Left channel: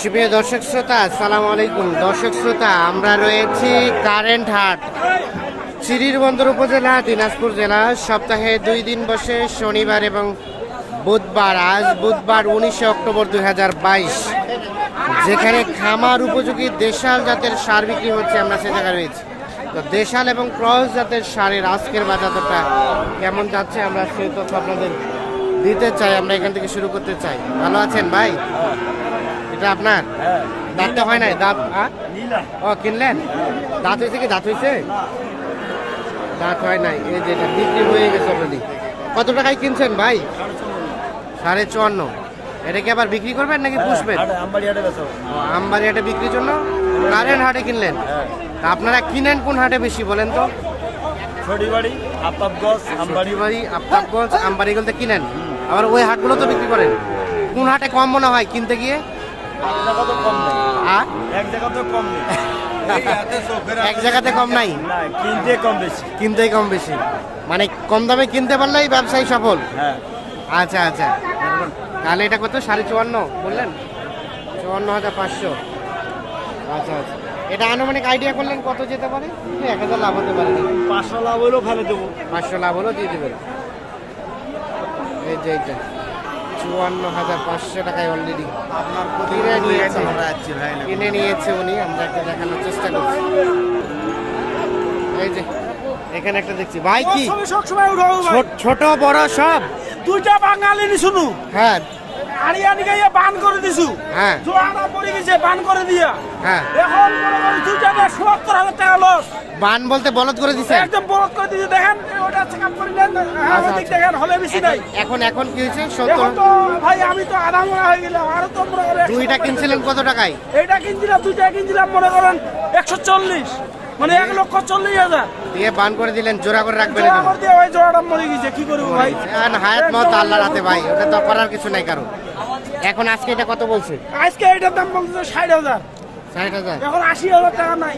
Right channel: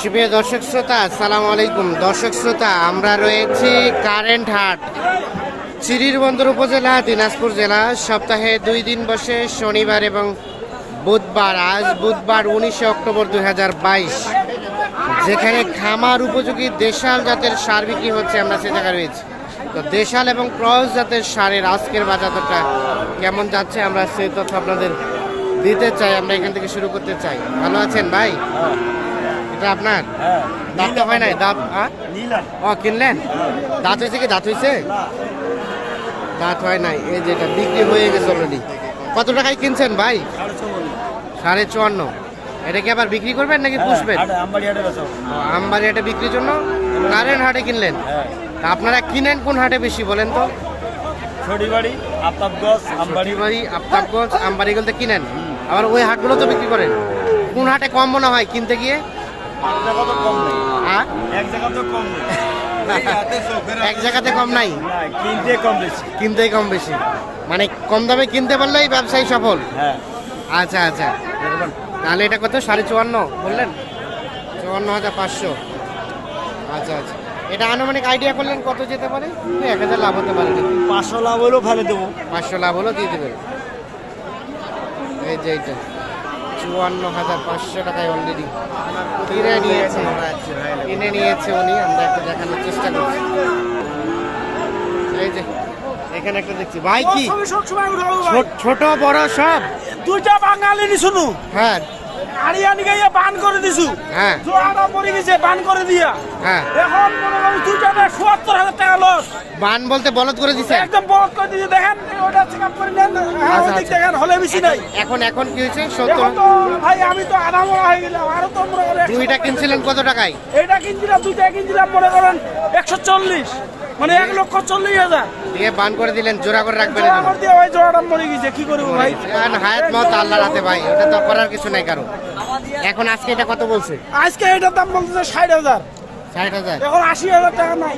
সুপ্রিয় দর্শক শ্রোতা, আসসালামু আলাইকুম। দর্শক শ্রোতা, আমরা রয়েছি কারেন্ট হাট চিরির বন্দর উপজেলা, দিনাজপুর জেলা। সপ্তাহে দুই দিন বসে শনিবার এবং বুধবার, আজ বুধবার উনিশে অক্টোবর দু হাজার বাইশ। যেখানে খামার উপযোগী দেশাল জাতের সার বিক্রি হচ্ছে, আমরা সে জায়গায় রয়েছি। তো দেশাল এবং ক্রস জাতের সারের আজকের বাজারটা কেমন যাচ্ছে, আমরা সেই তথ্য আপনাদের দিতে চাই, আমরা এখান থেকে শুরু করতে চাই। ভালো আছেন ভাই? এটা আপনার? হ্যাঁ। দাঁত তো হয় নাই দাঁত? ও কিনলেন? দাঁত হয়েছে কি? দাঁত হয়েছে? দাঁত হয় নাই। এই যে এটা বিক্রি হয়ে গেছে অলরেডি কত টাকায় কিনছেন ভাই? সাড়ে চুয়ান্ন। এটা কি আবার বিক্রি করবেন নাকি পুষবেন? আমবাড়ি হাটে বিক্রির জন্য? কারেন্ট হাটে কিনলেন? হ্যাঁ। তা আপনারা কিনেন কোন হাটে বেশি বলেন তো? ছড়িবাড়ি আফতাবগঞ্জ আমবাড়ি। আফতাবগঞ্জ আমবাড়ি কিনেন? আবার ওই হাটগুলো তো বিক্রি করেন? কোন হাটে কম মনে হয় কিনতে গিয়ে? এক জায়গাতে কম নাই? কিনতে কম বেশি। কিনতেই কম বেশি। মানে কম দামে কিনতে পারলেই ব্যবসায়ী সফল। হ্যাঁ। আচ্ছা আচ্ছা। তাহলে এটা কত? সাড়ে চুয়ান্ন বললেন? চুয়ান্ন হাজার পাঁচশো। আচ্ছা আচ্ছা। এটা আনুমানিক আইডিয়া করলেন কত যেতে পারে? এক হাজার লাভ হতে পারে পাঁচশো লাভ হলেও ফেলে দেবো। পাঁচশো লাভ হলেও দিয়ে দেবেন। এই যে এইটা। চুয়ান্ন হাজার পাঁচশো টাকায় অলরেডি কিনে নিয়েছে। কিনে নিয়েছে উনি আমরা একটু দেখানোর চেষ্টা করছি। এই যে এখানে একটা দেখছি। ভাই কি? ছোট- ছোট বড় সব? দুইটা বাঙালি শুনু হ্যাঁ। গাইয়া বান করে দিছু। হ্যাঁ। পড়ে গেছে বান করে দিয়া। হ্যাঁ। এখন মনে করি দুইটা ব্যাগ সত্তর হাজার টাকা লস বান বলতে বলদ করে দিছে? একদম করে দিয়েছে দেখেন ওটা চেক আপ করে নেন। আচ্ছা, আচ্ছা। দেখেন হলে বেশি নাই। এখন এখন কি হয়েছে? ভাই আমি তো হয়ে গেলাম। আরও তো মনে করেন দুইটা কিনছিলেন কত টাকায়? এইটা কিনছিলাম দুইটা কিনছিলাম মনে করেন একশো চল্লিশ। মানে এক লক্ষ চল্লিশ হাজার। দিয়ে বান করে দিলেন জোড়া করে রাখবেন জোড়া করে দিয়ে ভাই জোড়াটা মরে গেছে। কি করব ভাই? হায়াত মত আল্লাহ রাতে ভাই। ওটা তো করার কিছু নাই কারও। এখন আজকে এটা কত বলছে? আজকে এটার দাম বলছে ষাট হাজার। ষাট হাজার। এখন আশি হাজার টাকা নাই।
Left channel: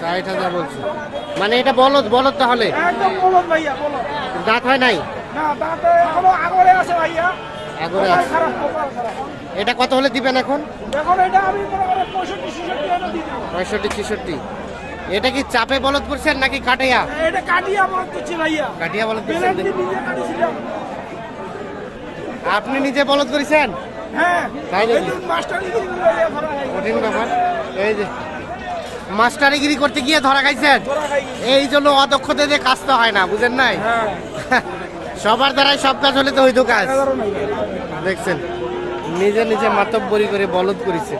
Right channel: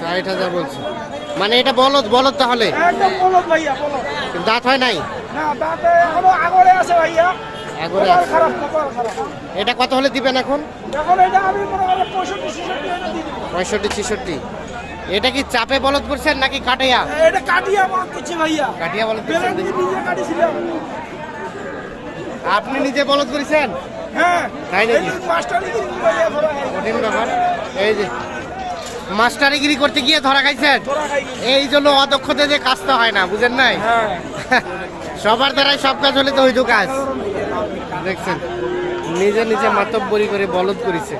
ষাট হাজার বলছে। মানে এটা বলদ বলদ তাহলে? বলদ ভাইয়া বলদ। দাঁত হয় নাই? না দাঁতে এখনও আগরে আছে ভাইয়া। আগরে আছে। এটা কত হলে দিবেন এখন? এখন এটা আমি পঁয়ষট্টি ছেষট্টি এটা কি চাপে বলদ করছেন নাকি কাটাইয়া এটা কাটিয়ে আমার করছি ভাইয়া। কাটিয়া বলদ করছেন বেলেন দিয়ে নিজে কাটিয়েছিলাম আপনি নিজে বলদ করেছেন? হ্যাঁ। তাই নাকি? কঠিন ব্যাপার। এই যে মাস্টারিগিরি করতে গিয়ে ধরা খাইছেন। এই জন্য অদক্ষতে যে কাজ তো হয় না বুঝেন নাই? হ্যাঁ। সবার দ্বারাই সব কাজ হলে তো হইতো কাজ। দেখছেন নিজে নিজে মাতব্বরি করে বলদ করেছে।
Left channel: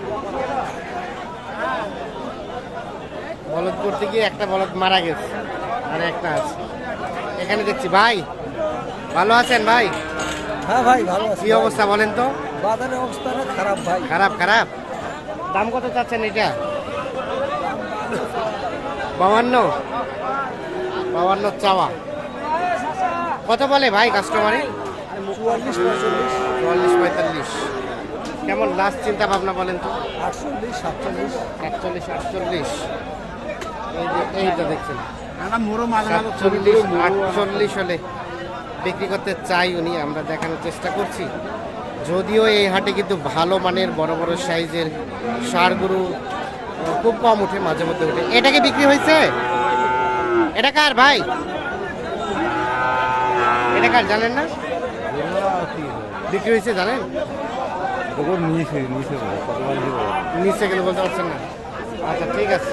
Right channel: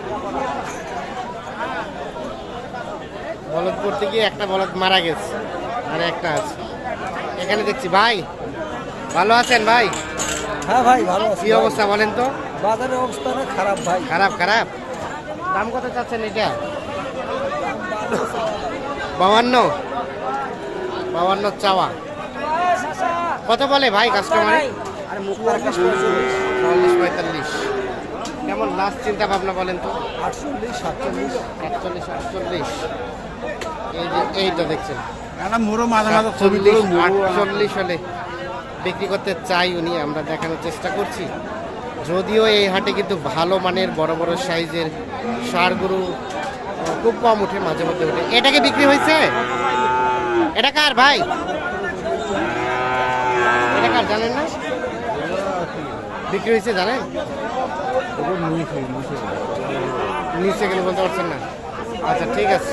বলদ করতে গিয়ে একটা বলদ মারা গেছে আর একটা আছে। এখানে দেখছি ভাই ভালো আছেন ভাই? হ্যাঁ ভাই ভালো কি অবস্থা বলেন তো? বাজারের অবস্থা না খারাপ ভাই। খারাপ খারাপ? দাম কত চাচ্ছেন এটা? বাউান্ন? বাউান্ন চাওয়া। কত বলে ভাই কাস্টমারে চুয়াল্লিশ পঁয়তাল্লিশ। চুয়াল্লিশ পঁয়তাল্লিশ। কেমন লাস্ট চিন্তা ভাবনা বলেন তো? আটচল্লিশ সাতচল্লিশ। একচল্লিশ আটচল্লিশ। এই যে এইটা দেখছেন। মোরো সাতচল্লিশ আটচল্লিশ হলে বিক্রি করতে চাই উনি, আমরা দেখানোর চেষ্টা করছি। যদিও এই হাটে কিন্তু ভালো মানের বড় বড় সাইজের সারগুরু খুব কম উঠে মাঝে মধ্যে উঠে। এটাকে বিক্রি হয়েছে? এটা কার ভাই? এটা কার, জানেন না? বিক্রি হয়েছে, জানেন? নিচে গেলে বলতে পারছেন না। আচ্ছা ঠিক আছে।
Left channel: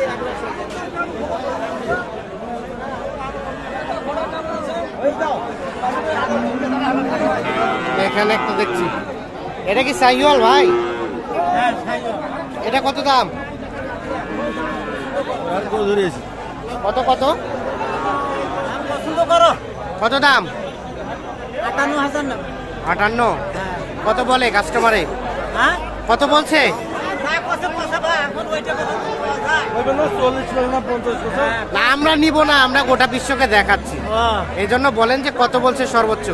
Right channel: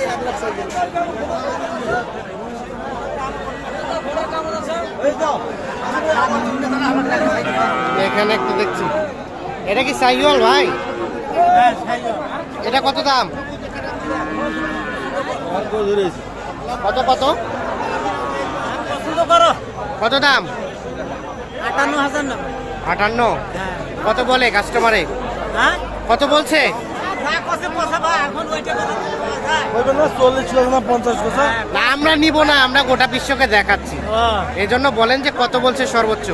এখানে একটা দেখছি। এটা কি সাইওয়াল ভাই? এটা কত দাম? কত কত পছন্দ করো। কত দাম? আটান্ন হাজার আটান্ন? হ্যাঁ। কত বলে কাস্টমারে হ্যাঁ? কত বলছে? না হ্যাঁ। না আমরা নিব না আমরা গোটা বিশ্বকে দেখাচ্ছি। এই জন্য বলেন যে কত বলছে সর্বোচ্চ?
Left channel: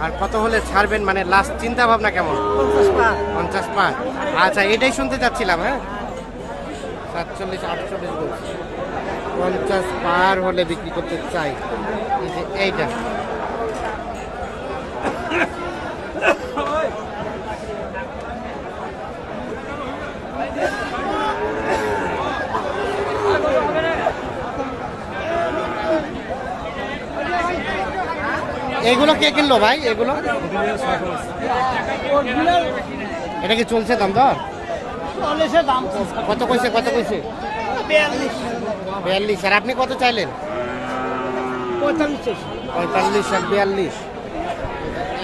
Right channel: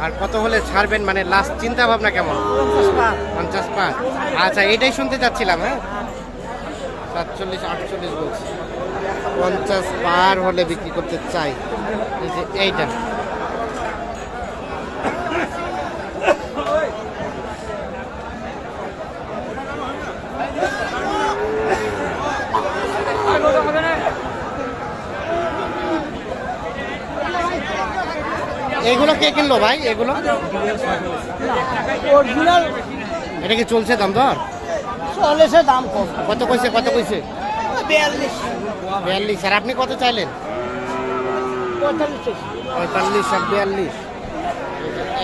আর কত হলে ছাড়বেন? মানে লাস্ট চিন্তা ভাবনা কেমন? পঞ্চাশ পাঁচ। পঞ্চাশ পাঁচ। আচ্ছা এটাই শুনতে চাচ্ছিলাম হ্যাঁ? সাতচল্লিশ আটচল্লিশ বলছি। পঞ্চাশ পার হলে বিক্রি করতে চাই। এই যে এইটা। এগুলো কে কিনলো ভাই? এগুলো? এটা কি চলছে দাম দর? কত কইছে কত কইছে? বিয়াল্লিশ। আর আপনি কত চাইলেন? পঁয়তাল্লিশ। আর বিয়াল্লিশ।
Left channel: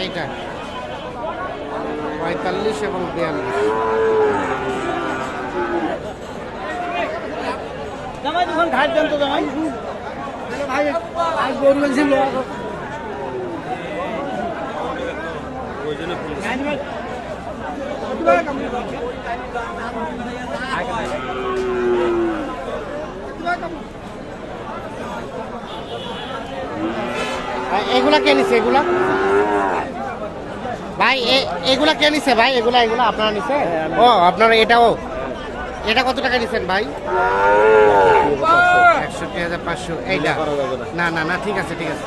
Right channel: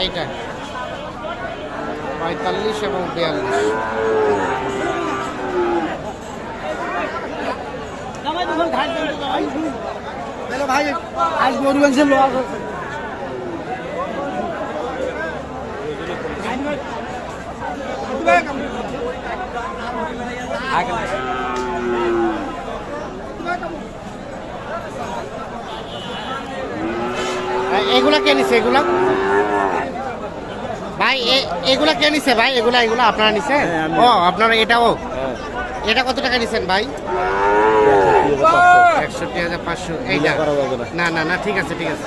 এইটা। পঁয়তাল্লিশ এবং বিয়াল্লিশ। ভাই গরু আনছে লোয়া আর এগুলা কে নিছে এগুলা? ভাই এগুলা কে নিছে ভাই? এগুলা এগুলা আপনারা নিছে? ও আপনারা এটাও? এটা কত টাকা নিছেন ভাই? একষট্টি হাজার পাঁচশো এইটা? না না না ঠিক আছে ঠিক আছে।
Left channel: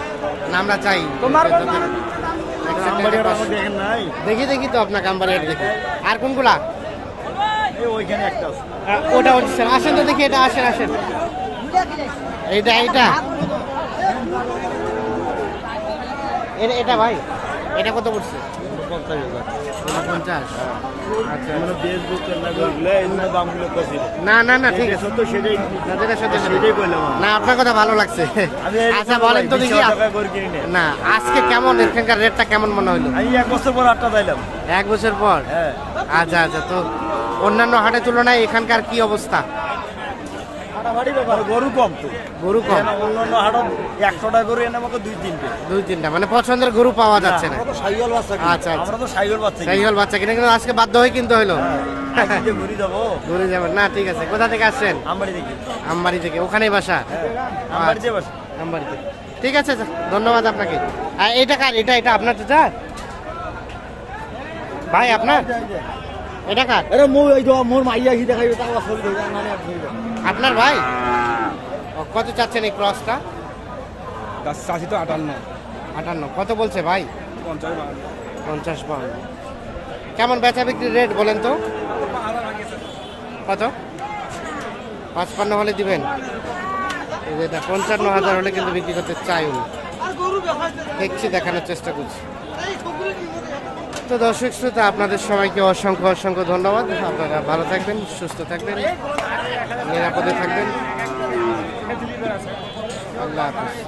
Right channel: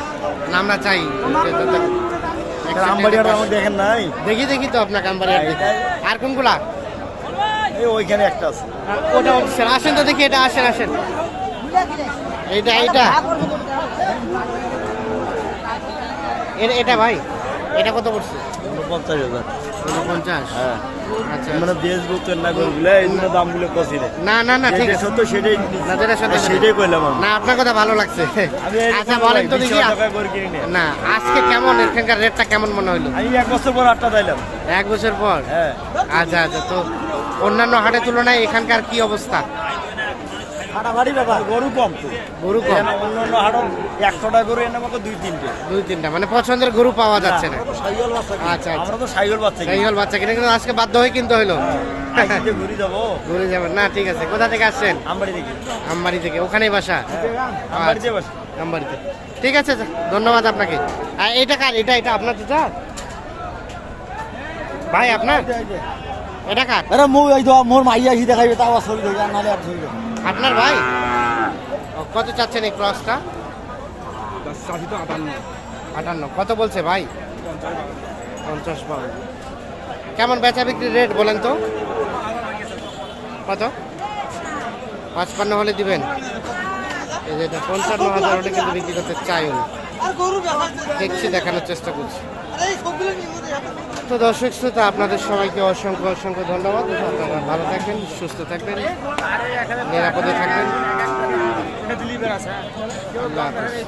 না আমরা চাই। দেখি। দেখি। তো আপনার কাম্বার দেখি। আর কোনগুলা? ওইখানে একটা আছে। ওটা আসেন তো দেখি এটা আসেন আসেন। এইটা এইটা। এ- এটা ভাই এটা কত পড়ছে? পঞ্চাশ হাজার। পঞ্চাশ? আচ্ছা। মানে বেশ বুঝছেন না গরুগুলো এই দামগুলো কষি না না না ঠিক আছে। তো সেটাই না যেটা সত্যি সেটাই সেটাই। কইলাম না আপনার কথা ভালো লাগছে। আচ্ছা বলেন তো দেখি 20 টাকা করে কিনি নে। না আজকে কেমন এখানকার রেটটা কেমন মনে আমি এক বছর পর আটটা দিলাম এক বছর পর? হ্যাঁ। আচ্ছা আচ্ছা তো অন্যান্য হাটের তুলনায় এখানকার কি অবস্থা? হাটাহাটি ব্যাপার গরু কম তো। গরু কম। অন্য অন্য হাটত একশোটা গরু এনে মতো দুই তিনটে। দুই তিনটা মানে পছন্দের গরু পাওয়া যাচ্ছে না। আচ্ছা আচ্ছা। আমরা তো সাইকেল বাচ্চা তাই হল বাচ্চা কিনে কিন্তু আজকে বাধ্য হয়ে কিনতে হইল আজকে ঘুরি যাব। ঘুরে যাবেন না ঠিক আছে। কোথা থেকে আসছেন? আমবাড়ি দেখি আমবাড়ি থেকে। ওখানেই বাসা? হ্যাঁ আমবাড়িতে বস। আমবাড়িতে। ঠিক আছে ধন্যবাদ আপনাকে। আর এটা কার? এটা এটা আপনার চাচা? ভাই আপনার? এটা কার? আরে মুই এই তো মোর মাইয়া আহি দেখাইবে তাও আসল ধরে নালে আর ধরে আপনার ভাই? কত চাচ্ছেন এই ক্রসটা চাষি তো আটান্ন। আটান্ন। কত বলছে ভাই? পঞ্চাশ পাউন্ড কেমন বেচা বিক্রির রেট বলেন তো? কত? পাঁচপান্ন হলে দিবেন। এই যে এটা পঞ্চান্ন হাজার হলে কিন্তু বিক্রি করতে চাই উনি। দেখছি দেখানোর চেষ্টা করছি। তো দর্শক শ্রোতা, আপনাদের সবাইকে অসংখ্য অসংখ্য ধন্যবাদ। আপনারা ভালো থাকবেন, সুস্থ থাকবেন, নিরাপদে থাকবেন। আল্লাহ হাফিজ।